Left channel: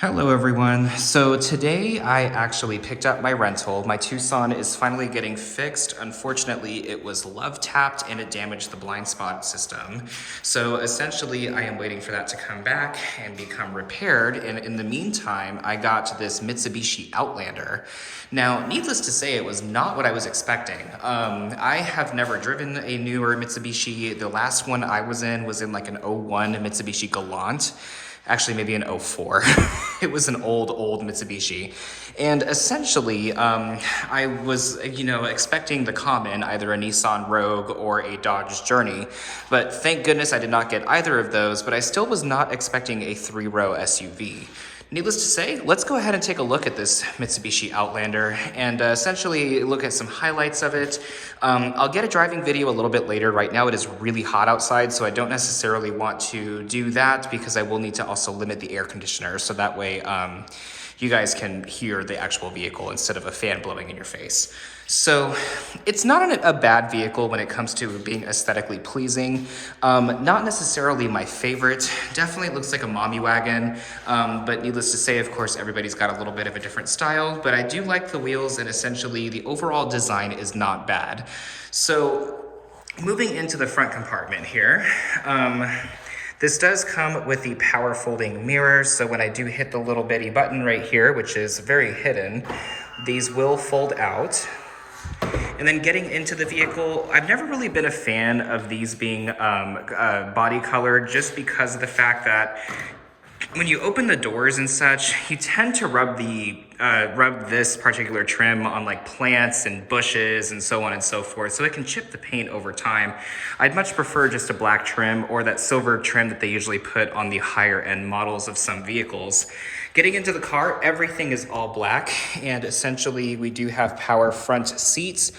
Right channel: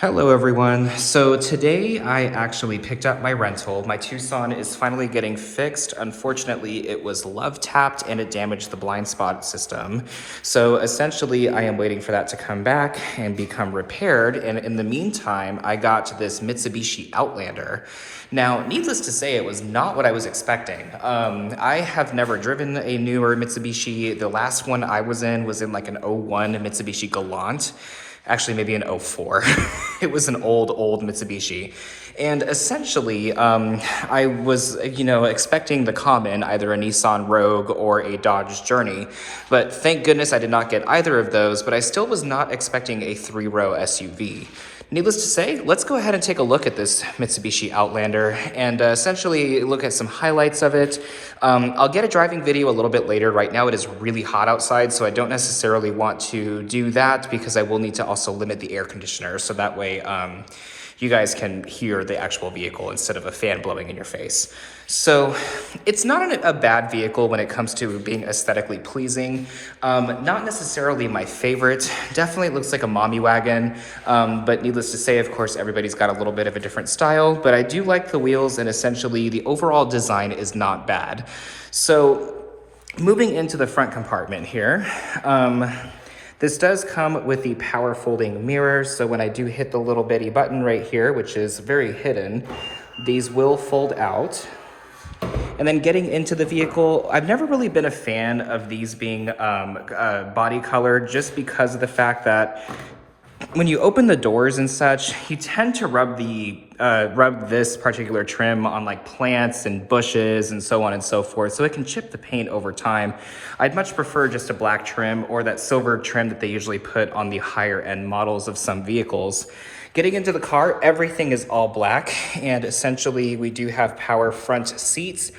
Hello everyone. So today I actually picked up my rental. My Tucson is finally getting fixed. Unfortunately, it was love tapped and it damaged the blind spot system. So essentially I am waiting for that to come back and become repaired. And in the meantime, I got this Mitsubishi Outlander. Now, needless to say, it was not what I was expecting. I have never driven a newer Mitsubishi. The last one I was in like an '01 Mitsubishi Galant. Actually maybe an '04. It was an old Mitsubishi. And essentially, I was, expecting the common, either a Nissan Rogue or a Dodge Journey. But thank goodness I did not get either of those, but I still was not expecting a three-row SUV. Needless to say, let's go ahead and take a look at this Mitsubishi Outlander and essentially look at some highlights of it. I'll get a driving video a little bit later. Right now it is really hot outside, so I don't necessarily want to do that because I will need to also limit the air conditioner so that way you guys can hear the actual vehicle instead of a fan blowing in your face. So it's not a bad vehicle when it comes to being aesthetically pleasing. Not necessarily my favorite. Definitely looks like a mommy wagon. But needless to say, of course, everybody's got a little bit of a different style. But I do like the wheels, and essentially the overall design is not bad. So moving into the front compartment here. This does come with the power folding mirrors, so when I do hit the little bitty button right here, which is very hidden, these will fold out. And then getting into the vehicle, I've never really been a fan of these being body colored just because of the fact that when you open the doors and such, you tend to rub this particular trim on like plants and bushes and so on and so forth, so it can chip the paint over time. I'd much prefer just a black trim or that silver trim that they usually put on the higher end models of some vehicles. Getting into the car, everything is all black, and essentially we do have power front seats.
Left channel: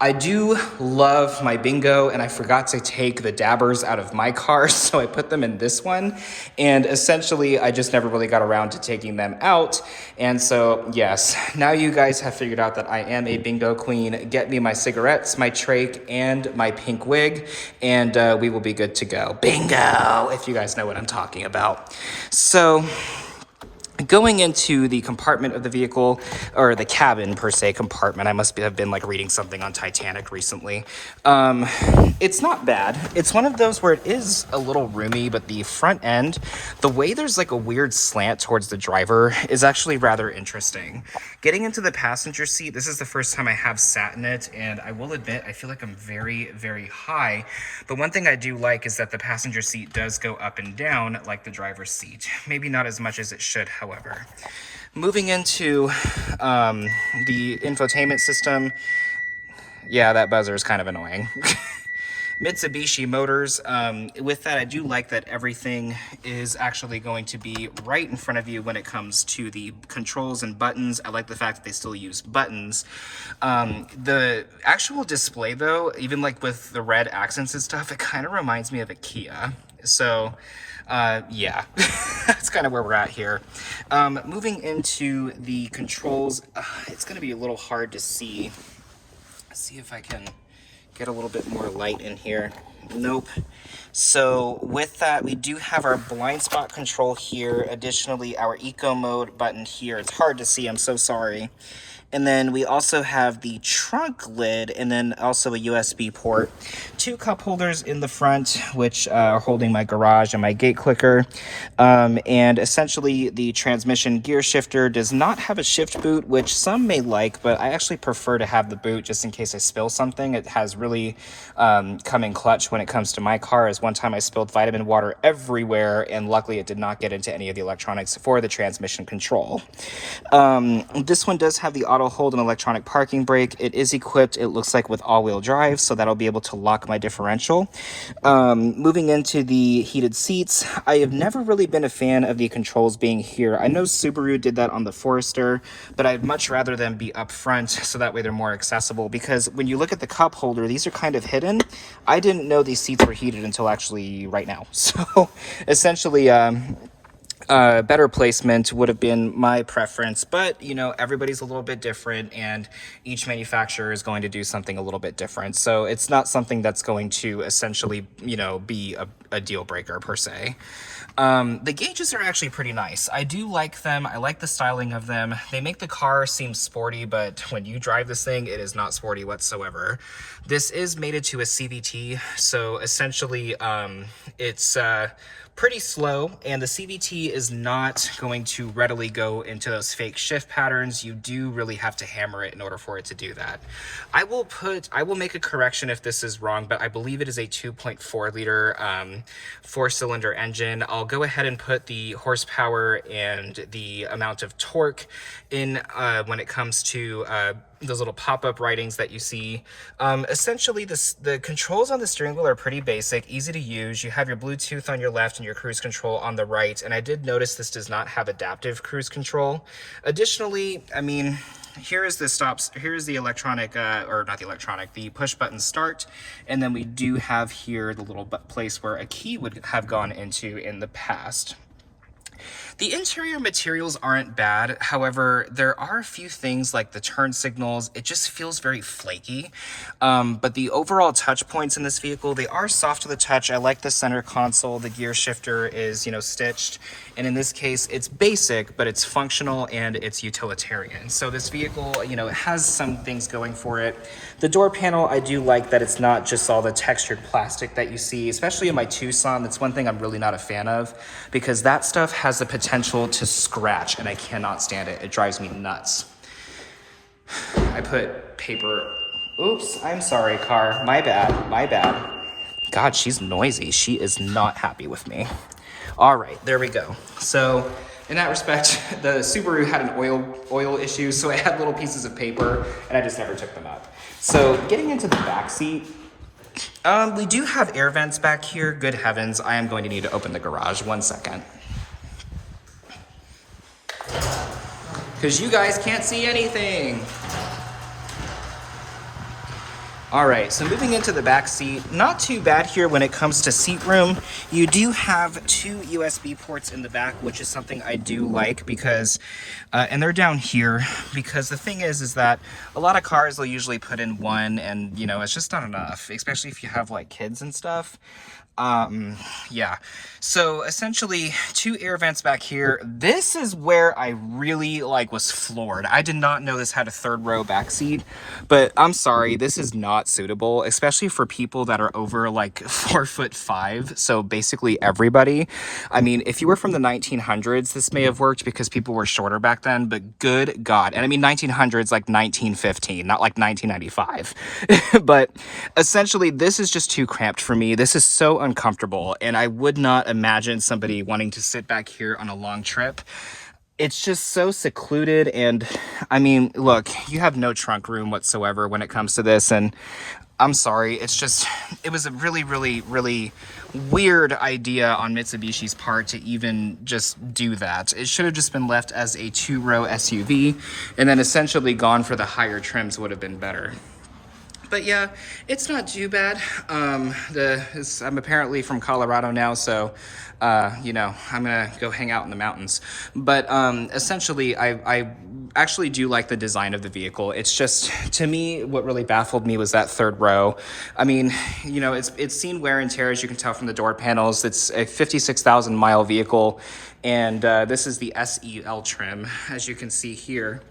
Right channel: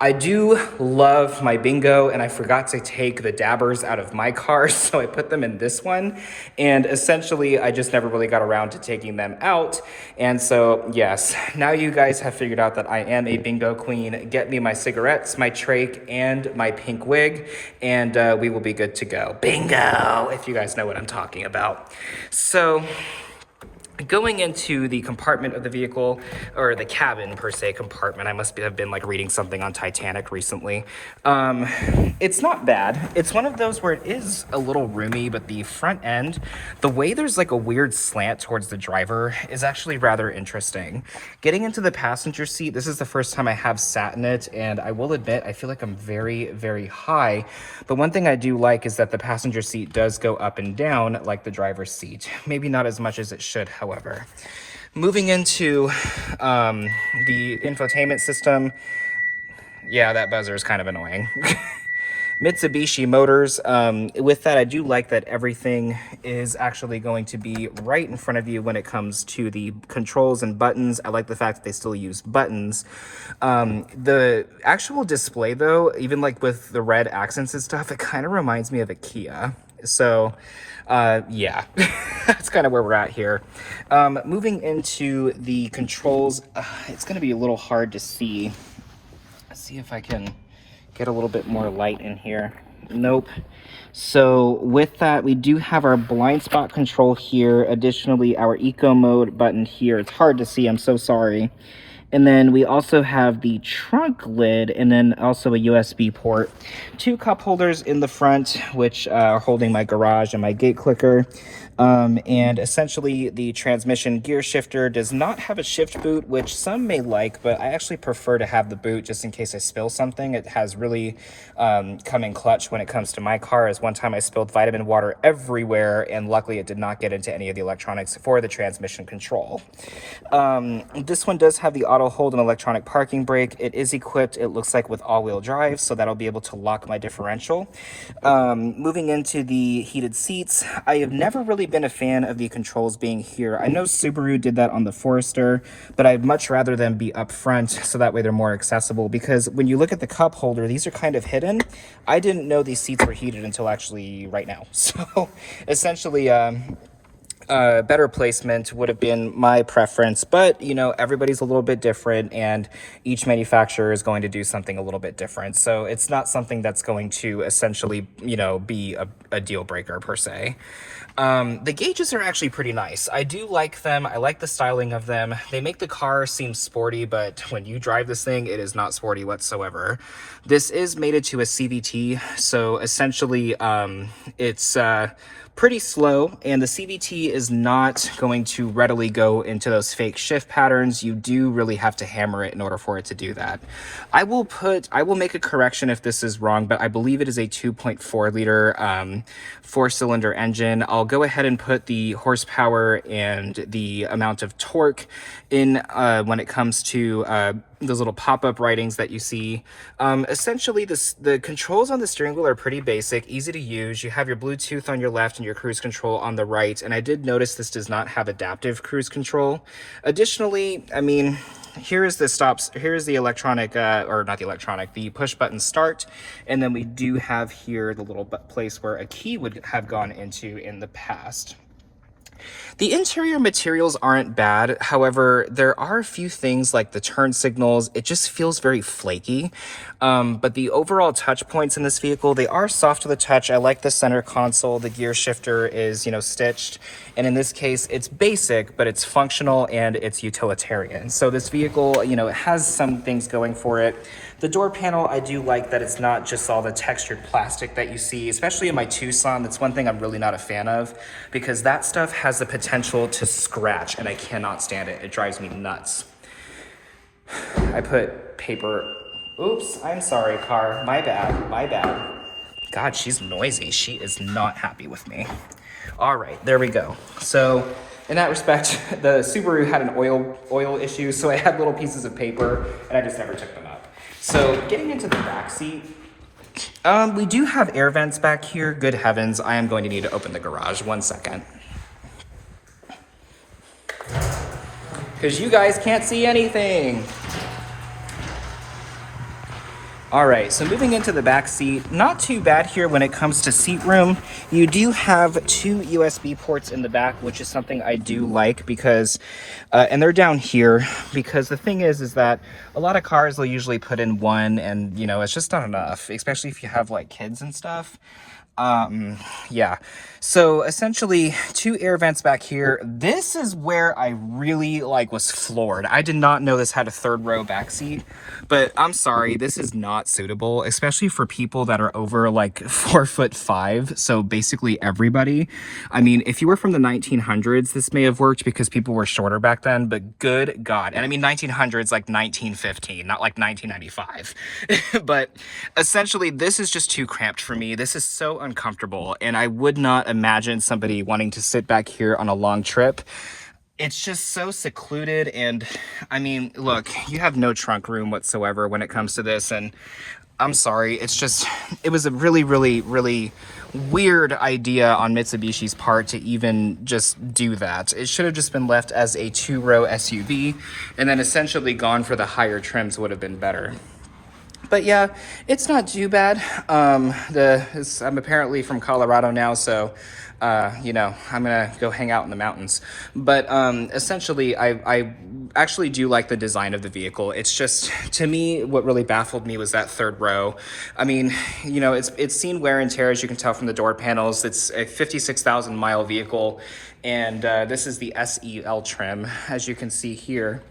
I do love my bingo, and I forgot to take the dabbers out of my car, so I put them in this one. And essentially, I just never really got around to taking them out. And so, yes, now you guys have figured out that I am a bingo queen. Get me my cigarettes, my trach, and my pink wig, and we will be good to go. Bingo, if you guys know what I'm talking about. So going into the compartment of the vehicle, or the cabin per se compartment, I must have been like reading something on Titanic recently. It's not bad. It's one of those where it is a little roomy, but the front end, the way there's like a weird slant towards the driver is actually rather interesting. Getting into the passenger seat, this is the first time I have sat in it, and I will admit, I feel like I'm very, very high. But one thing I do like is that the passenger seat does go up and down like the driver's seat. Maybe not as much as it should, however. Moving into the infotainment system, yeah, that buzzer is kind of annoying. Mitsubishi Motors, with that, I do like that everything is actually going to be right in front of you when it comes to the controls and buttons. I like the fact that they still use buttons. The actual display, though, even like with the red accents and stuff, it kind of reminds me of a Kia. So, yeah, that's kind of where we're at here. Moving into the controls, it's going to be a little hard to see. Let's see if I can get a little bit more light in here. Nope. So with that, we do have our blind spot control here. Additionally, our eco mode button here. It's hard to see, I'm so sorry. And then we also have the trunk lid, and then also a USB port. 2 cup holders in the front, which are holding my garage and my gate clicker. And essentially the transmission gear shifter does not have a shift boot, which some may like, but I actually prefer to have the boot just in case I spill something. It has really come in clutch when it comes to my car, as one time I spilled vitamin water everywhere, and luckily it did not get into any of the electronics for the transmission control. This one does have the auto hold and electronic parking brake. It is equipped, it looks like, with all-wheel drive, so that'll be able to lock my differential. Moving into the heated seats, I have never really been a fan of the controls being here. I know Subaru did that on the Forester, but I'd much rather them be up front so that way they're more accessible, because when you look at the cup holder, these are kind of hidden. I didn't know these seats were heated until actually right now. So essentially, better placement would have been my preference, but you know, everybody's a little bit different, and each manufacturer is going to do something a little bit different, so it's not something that's going to essentially, you know, be a deal breaker per se. The gauges are actually pretty nice. I do like them. I like the styling of them. They make the car seem sporty, but when you drive this thing, it is not sporty whatsoever. This is mated to a CVT, so essentially it's pretty slow, and the CVT is not going to readily go into those fake shift patterns. You do really have to hammer it in order for it to do that. I will make a correction if this is wrong, but I believe it is a 2.4 liter 4-cylinder engine. I'll go ahead and put the horsepower and the amount of torque in when it comes to those little pop-up writings that you see. Essentially, the controls on the steering wheel are pretty basic, easy to use. You have your Bluetooth on your left and your cruise control on the right, and I did notice this does not have adaptive cruise control. Additionally, I mean, here's the electronic, or not the electronic, the push button start, and then we do have here the little place where a key would have gone into in the past. The interior materials aren't bad. However, there are a few things like the turn signals. It just feels very flaky. But the overall touch points in this vehicle, they are soft to the touch. I like the center console. The gear shifter is, stitched. And in this case, it's basic, but it's functional and it's utilitarian. So this vehicle, it has some things going for it. The door panel, I do like that it's not just all the textured plastic that you see, especially in my Tucson. That's one thing I'm really not a fan of, because that stuff has the potential to scratch, and I cannot stand it. It drives me nuts. I put paper. Oops, I'm sorry, car. My bad. God, she's noisy. She is not happy with me. All right, there we go. So in that respect, the Subaru had an oil issue, so I had little pieces of paper, and I just never took them up. So getting into the back seat, we do have air vents back here. Good heavens, I am going to need to open the garage. 1 second. Because you guys can't see anything. All right, so moving into the back seat, not too bad here when it comes to seat room. You do have 2 USB ports in the back, which is something I do like because, and they're down here, because the thing is that a lot of cars will usually put in one, and it's just not enough, especially if you have like kids and stuff. Yeah, so essentially 2 air vents back here. This is where I really was floored. I did not know this had a 3rd row back seat, but I'm sorry, this is not suitable, especially for people that are over 4'5". So basically everybody. I mean, if you were from the 1900s, this may have worked because people were shorter back then, but good God. And I mean 1900s, like 1915, not like 1995. But essentially this is just too cramped for me. This is so uncomfortable, and I would not imagine somebody wanting to sit back here on a long trip. It's just so secluded, and I mean, look, you have no trunk room whatsoever when it comes to this, and I'm sorry, it was a really, really, really weird idea on Mitsubishi's part to even just do that. It should have just been left as a 2-row SUV, and then essentially gone for the higher trims would have been better. But yeah, it's not too bad. I'm apparently from Colorado now, so I'm gonna go hang out in the mountains. But essentially, I actually do like the design of the vehicle. It's just, to me, what really baffled me was that 3rd row. I mean, it's seen wear and tear, as you can tell from the door panels. It's a 56,000 mile vehicle, and this is the SEL trim, as you can see here.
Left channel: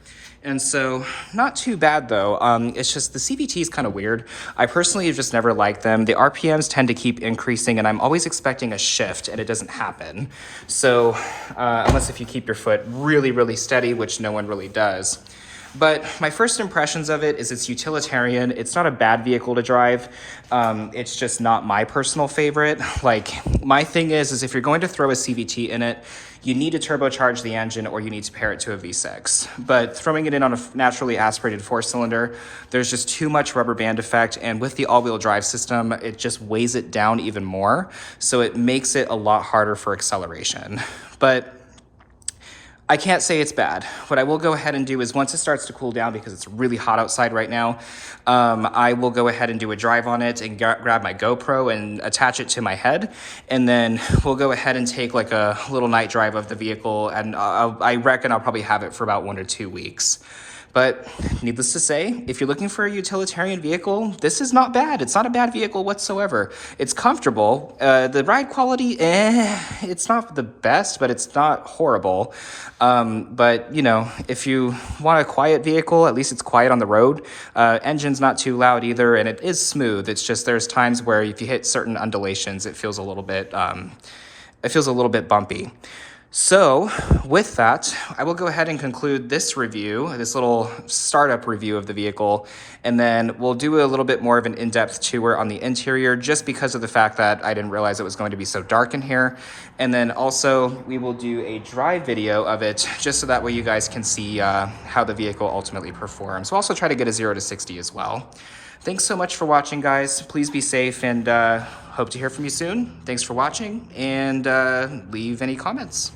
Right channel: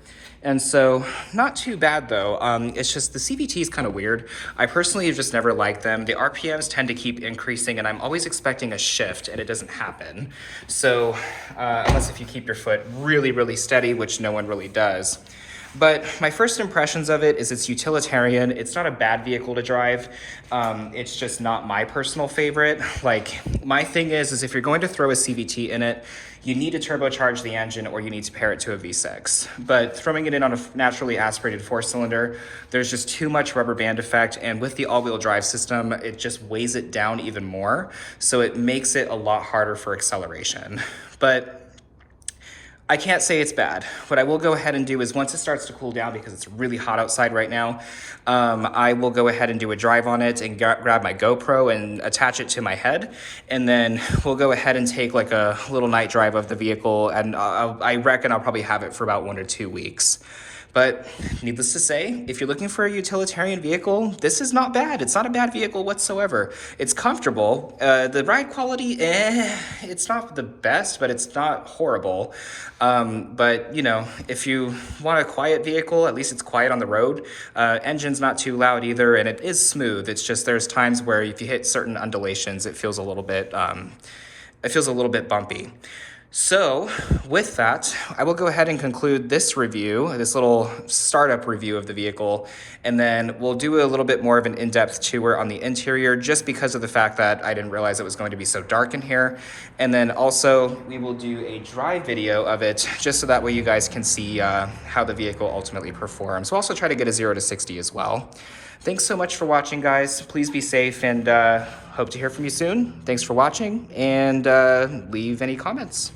And so, not too bad though. It's just the CVT is kind of weird. I personally have just never liked them. The RPMs tend to keep increasing, and I'm always expecting a shift, and it doesn't happen. So, unless if you keep your foot really, really steady, which no one really does. But my first impressions of it is it's utilitarian. It's not a bad vehicle to drive. It's just not my personal favorite. My thing is if you're going to throw a CVT in it, you need to turbocharge the engine, or you need to pair it to a V6. But throwing it in on a naturally aspirated 4-cylinder, there's just too much rubber band effect, and with the all-wheel drive system, it just weighs it down even more, so it makes it a lot harder for acceleration. But I can't say it's bad. What I will go ahead and do is, once it starts to cool down, because it's really hot outside right now, I will go ahead and do a drive on it and grab my GoPro and attach it to my head. And then we'll go ahead and take a little night drive of the vehicle. And I reckon I'll probably have it for about 1 to 2 weeks. But needless to say, if you're looking for a utilitarian vehicle, this is not bad. It's not a bad vehicle whatsoever. It's comfortable. The ride quality, it's not the best, but it's not horrible. But, you know, if you want a quiet vehicle, at least it's quiet on the road. Engine's not too loud either, and it is smooth. It's just there's times where if you hit certain undulations, it feels a little bit bumpy. So with that, I will go ahead and conclude this review, this little startup review of the vehicle, and then we'll do a little bit more of an in-depth tour on the interior just because of the fact that I didn't realize it was going to be so dark in here. And then also we will do a drive video of it just so that way you guys can see how the vehicle ultimately performs. We'll also try to get a 0 to 60 as well. Thanks so much for watching, guys. Please be safe, and hope to hear from you soon. Thanks for watching, and leave any comments.